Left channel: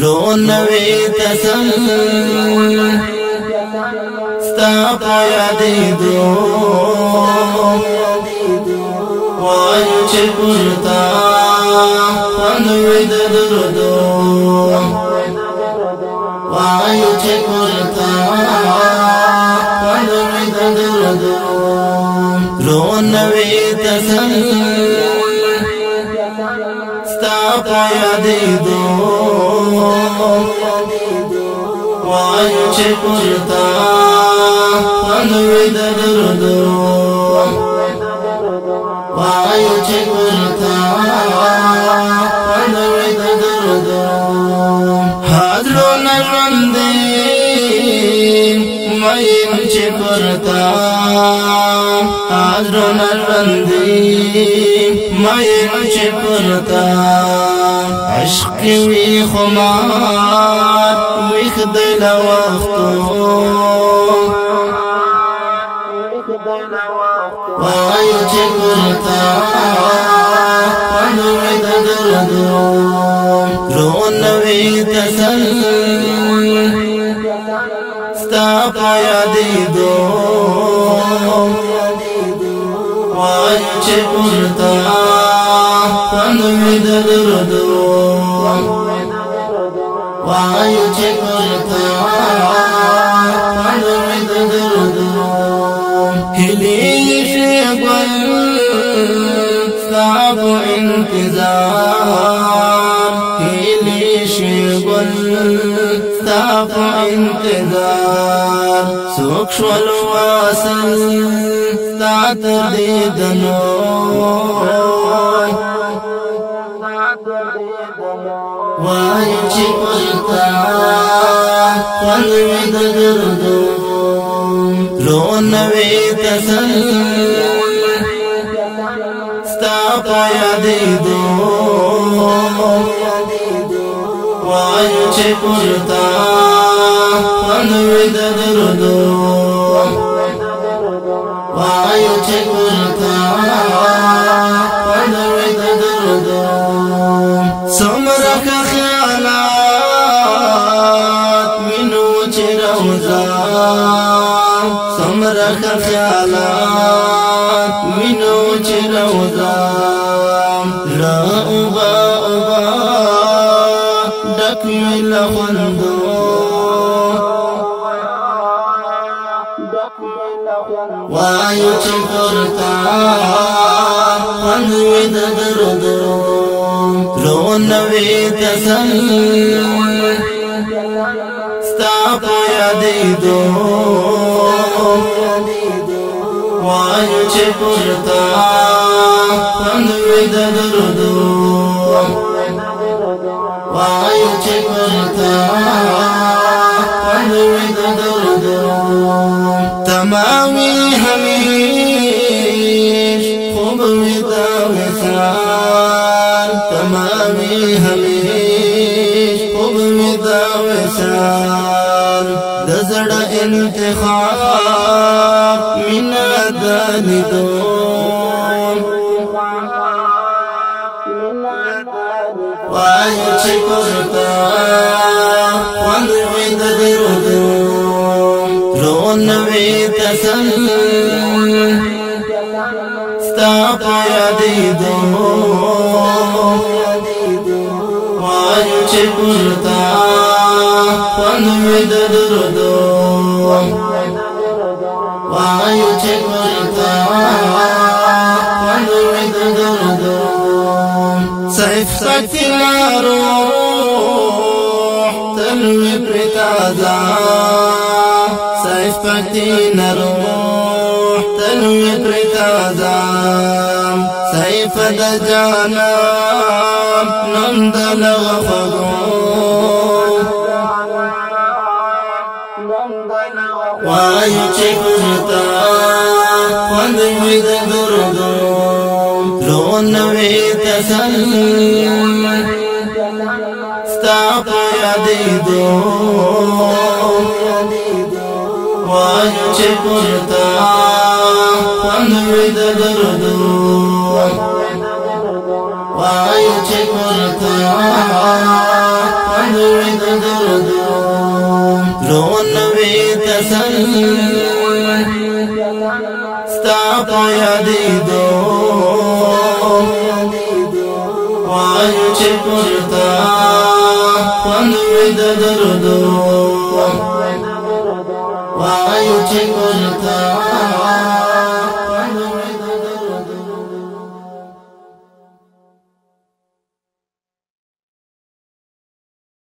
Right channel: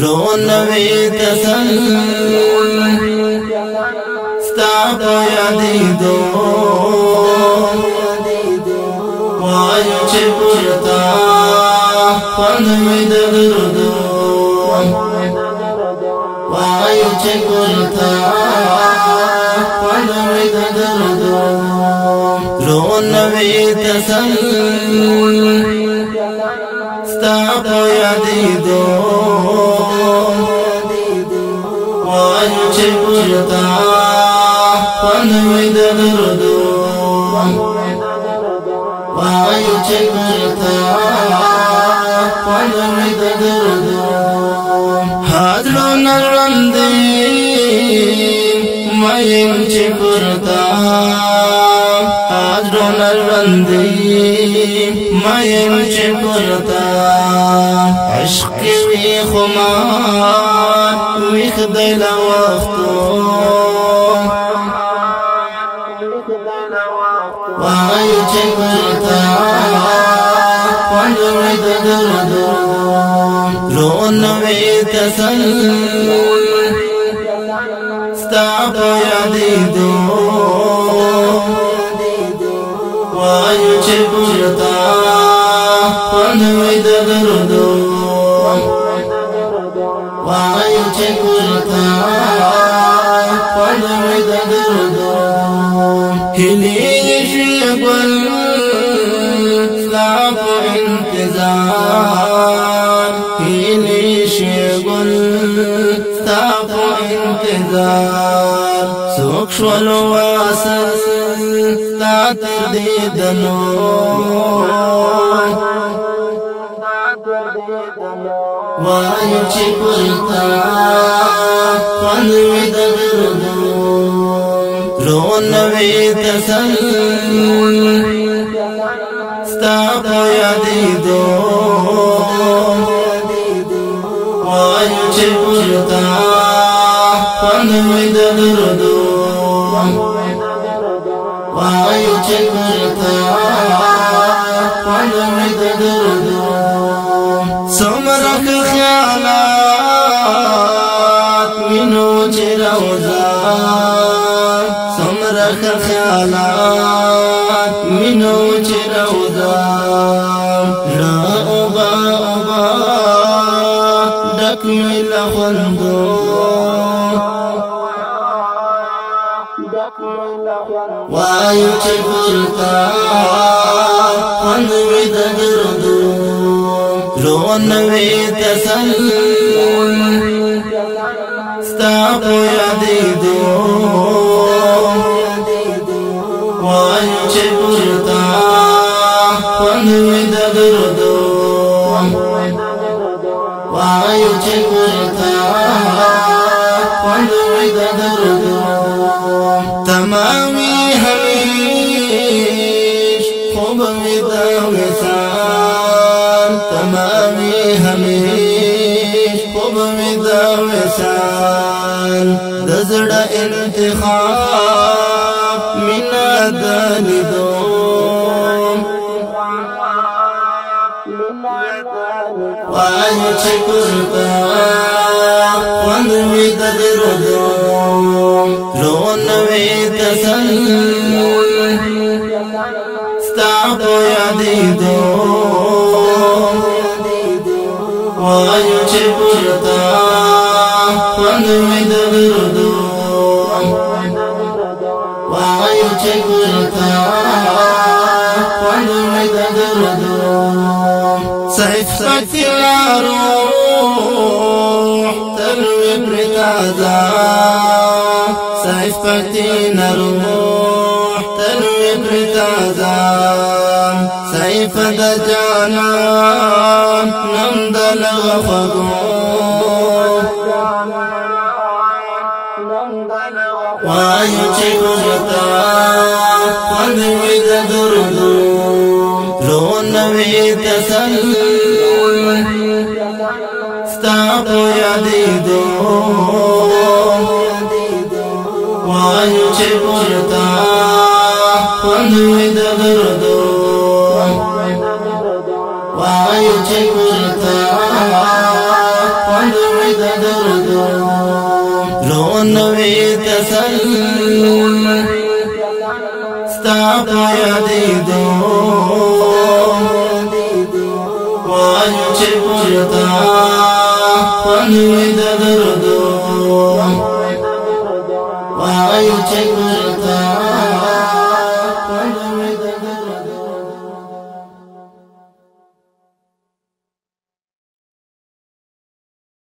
درونوي تسل ستا په یادېدو وایو چې پورتا خوند وي د درودو وایو چې پورتا خوند وي د درودو درونوي تسل ستا په یادېدو وایو چې پورتا خوند وي د درودو وایو چې پورتا خوند وي د درودو حاضرونه ژوندې مین چې پورتا حاضرونه ژوندې مین چې پورتا عشق وی خمار وی خدای لا وختو وایو چې پورتا خوند وي د درودو درونوي تسل ستا په یادېدو وایو چې پورتا خوند وي د درودو وایو چې پورتا خوند وي د درودو هلي شګل ستا په انتظار هلي شګل ستا په انتظار څوک شول واصل ستا تر دې دنو وایو چې پورتا خوند وي د درودو درونوي تسل ستا په یادېدو وایو چې پورتا خوند وي د درودو وایو چې پورتا خوند وي د درودو څومره خیالات وینو چې روزا څومره خیالات وینو چې روزا را اوبا اوبا ډک وي له خوندو وایو چې پورتا خوند وي د درودو درونوي تسل ستا په یادېدو وایو چې پورتا خوند وي د درودو وایو چې پورتا خوند وي د درودو تمامي همیش خوب وي د وصال تمامي همیش خوب وي د وصال د زړه انتخاب مینا د لیدو وایو چې پورتا خوند وي د درودو درونوي تسل ستا په یادېدو وایو چې پورتا خوند وي د درودو وایو چې پورتا خوند وي د درودو سیف پکې روح تل وي پرې تازه سیف پکې روح تل وي پرې تازه سیف د جانان نم د لغه خوږو وایو چې پورتا خوند وي د درودو درونوي تسل ستا په یادېدو وایو چې پورتا خوند وي د درودو وایو چې پورتا خوند وي دردو لون وی تسل ستا په یادېدو وایو چې پرتا خوند وی د دردو